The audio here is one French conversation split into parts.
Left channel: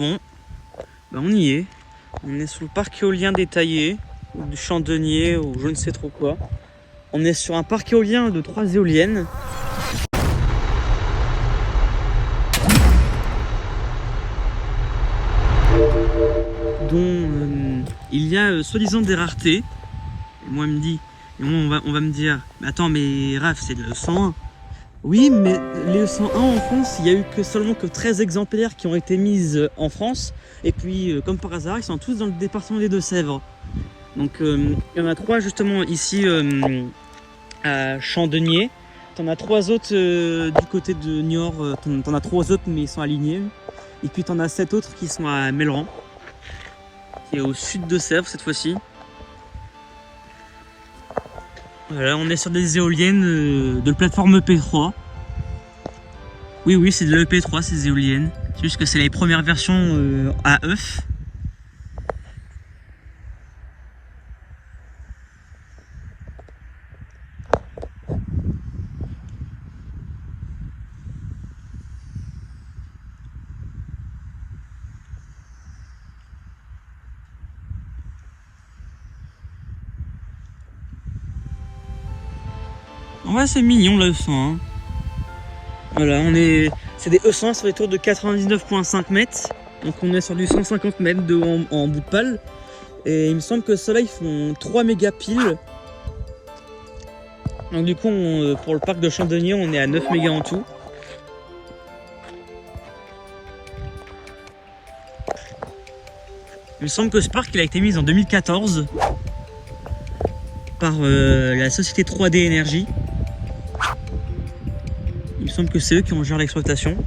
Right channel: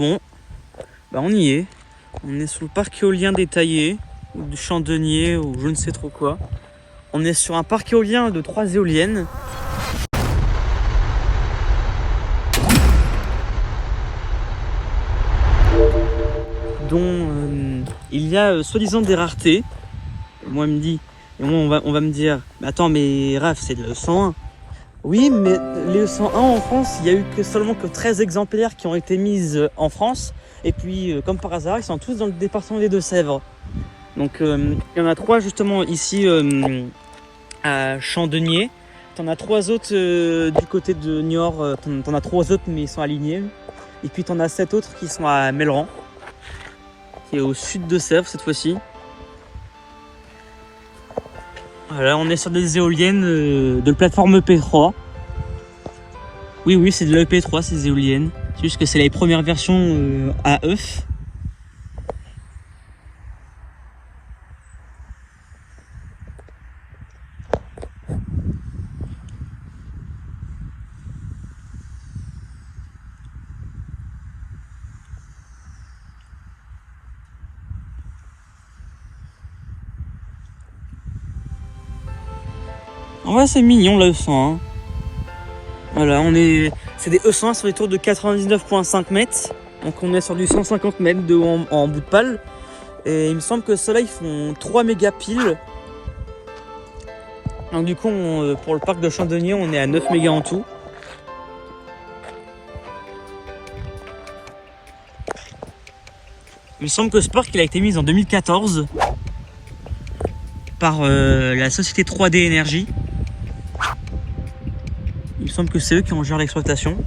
bon, bah on y est. On est sur le parc éolien détaillé, ou du Chandonnier, ou je ne sais trop quoi. On est sur un parc éolien de 3 éoliennes. Dont il y a soi-disant des raretés. Moi, il me dit, et moi on va me dire, mais attends, mais Raph, c'est le 101. Oui, mais les 101 en France, il y a eu seulement que 13 exemplaires qui ont été mises en France. Et puis, comme par hasard, ils sont tous dans le département des Deux-Sèvres. Donc, il y en a 3 justement ici à Chandonnier. T'en as 3 autres du côté de Niort. T'en as 3 autres, mais ils sont alignés. Et puis, t'en as 7 autres qui sont à Melleran, qui est au sud de Sèvres cette fois-ci. Voilà, on est sur des éoliennes de la plateforme EP3. Oui, c'est de l'EP3 ces éoliennes. C'est juste que c'est les premières versions à œuf. En vrai, c'est mignon le E100. Voilà, c'est des E100 sur les tours de 99,5 mètres. Donc on est sur du 150 mètres de haut en bout de pale. Et il me semble que ceux-là, ils font 3 mégas piles. Donc du coup, pour le parc de Chandonnier, on est à 9 mégas en tout. Il me semble que ce parc il a été mis en 2014 par la société 3D Énergie. Il me semble que c'est eux qui ont géré l'exploitation.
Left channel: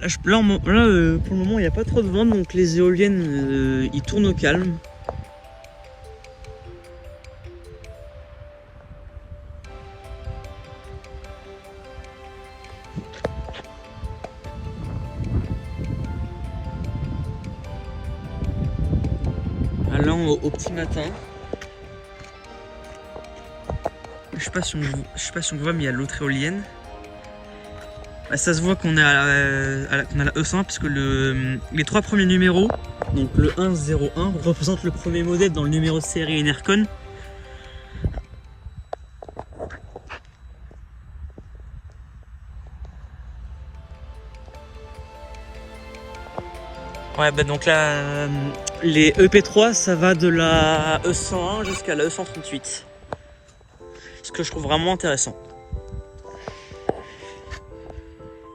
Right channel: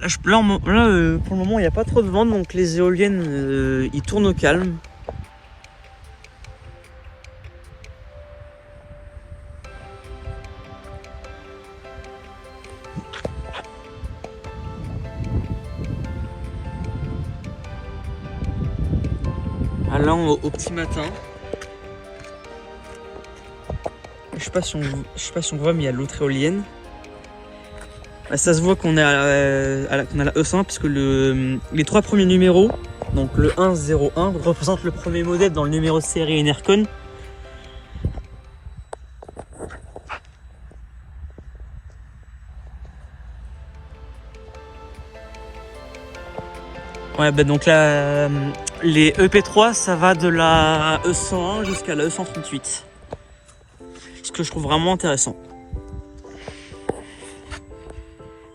Là, pour le moment, il n'y a pas trop de vent, donc les éoliennes, ils tournent au calme. Là, au petit matin. Je sais pas si on voit, mais il y a l'autre éolienne. Bah, ça se voit qu'on a la E100 puisque les 3 premiers numéros, donc le 101, représentent le premier modèle dans le numéro de série Enercon. Ouais, bah donc là, les EP3, ça va de la E101 jusqu'à la E138. Ce que je trouve vraiment intéressant.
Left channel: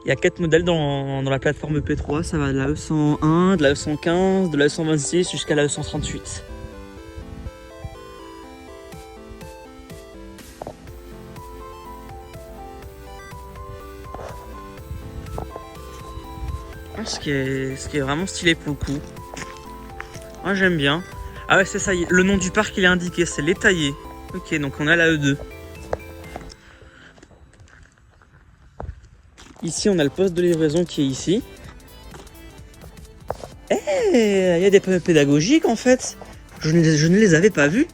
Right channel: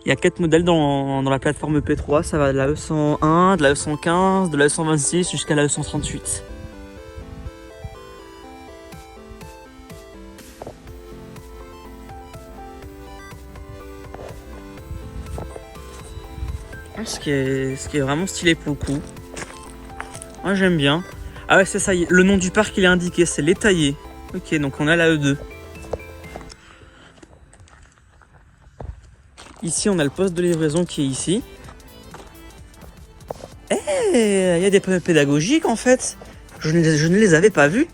Il y a 4 modèles dans la plateforme EP3, ça va de la E101, de la E115, de la E126 jusqu'à la E138. Ce qui est vraiment stylé pour le coup. Moi j'aime bien. Ah ouais, c'est ça, le nom du parc il est indiqué, c'est l'Étaillé. Ok, donc on a la E2. Ici on a le poste de livraison qui est ici. Il y a des panneaux pédagogiques en fait. Je ne les avais pas vus.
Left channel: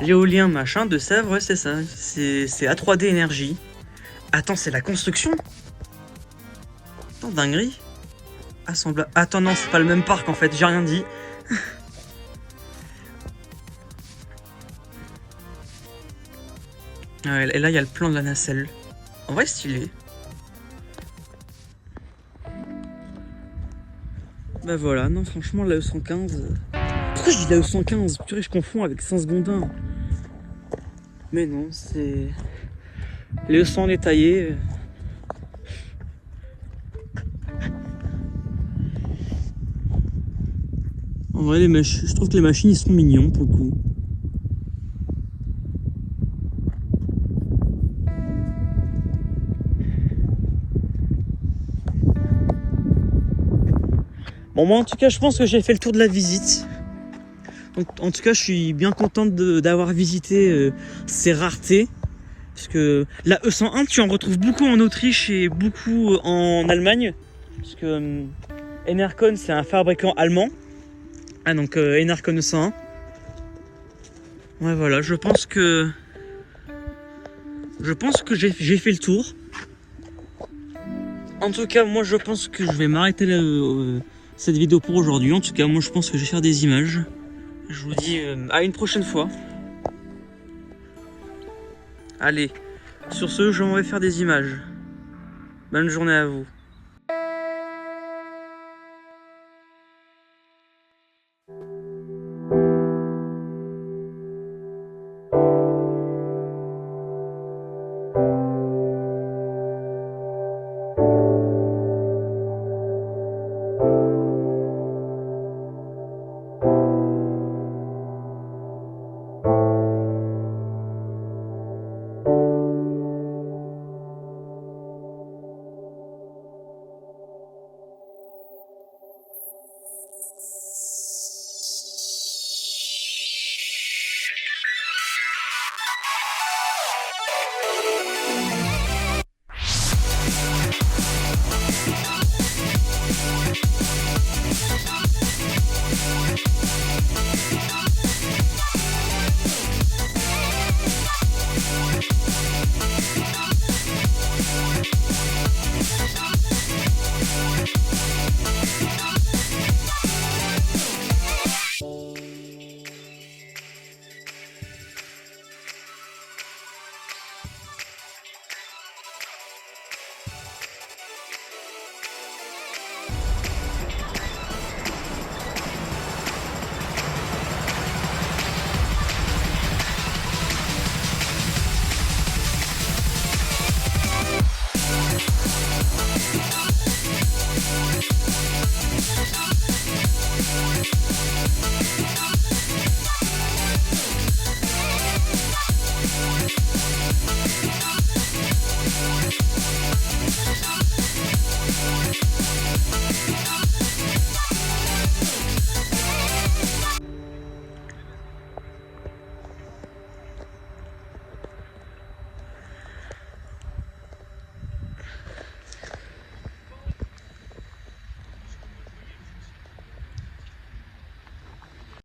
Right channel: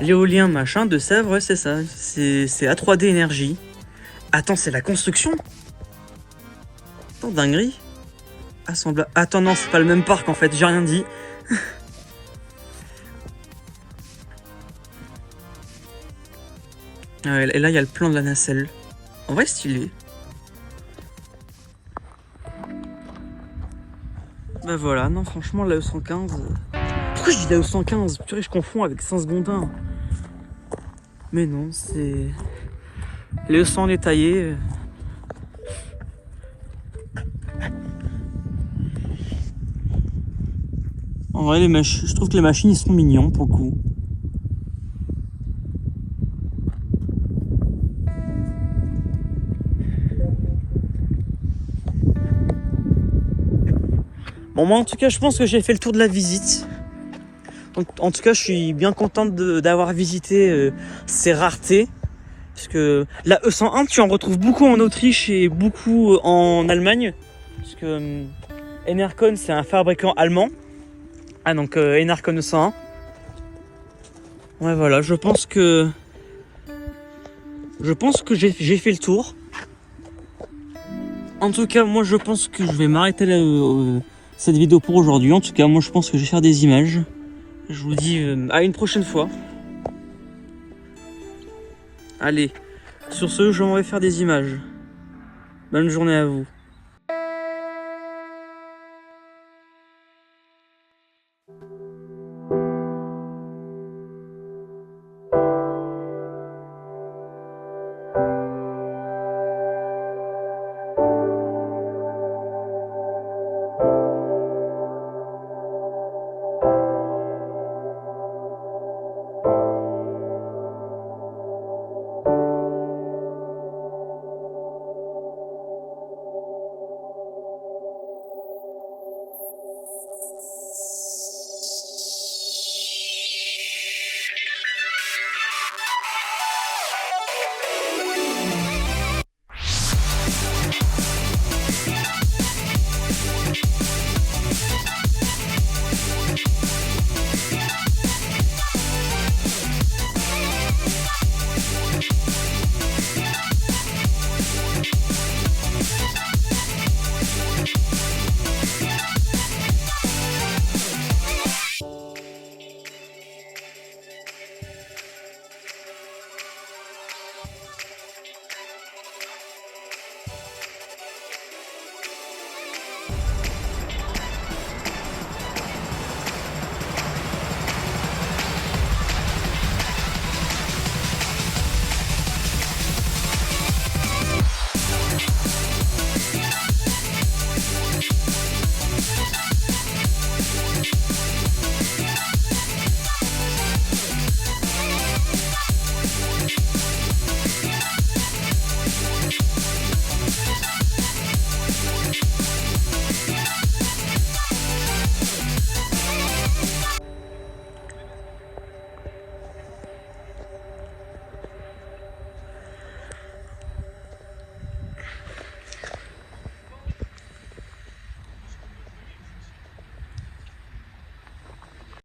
L'éolien machin de Sèvres, ouais c'est ça. C'est A3D Énergie. Attends, c'est la construction? Attends, dinguerie. Attends, non, c'est pas le même parc en fait, j'ai rien dit. Et là, il y a le plan de la nacelle. En vrai, stylé. Bah voilà, non, franchement, la E115. Pourquoi je dis la E115? Purée, je confonds avec Saint-Segondin. Mais non, c'est. Les E100 détaillés. En vrai, je trouve que les machines ils sont mignons pour le coup. Bon, moi en tout cas, je pense que j'ai fait le tour de la visite. Donc, en tout cas, je suis bien contente d'avoir visité ces raretés. Parce que la E101, tu en retrouves beaucoup en Autriche et beaucoup en Allemagne. Parce que Enercon, c'est un fabricant allemand. Ah, donc Enercon E101. Ouais, voilà, je pense que Je pense que j'ai fait le tour. En tout cas, moi je pense que je vais m'arrêter cette vidéo pour aujourd'hui. En tout cas, moi je pense que je vais faire des images. Je vous dis à une prochaine fois. Allez, sur ce, je vais faire des images. Bonne journée à vous.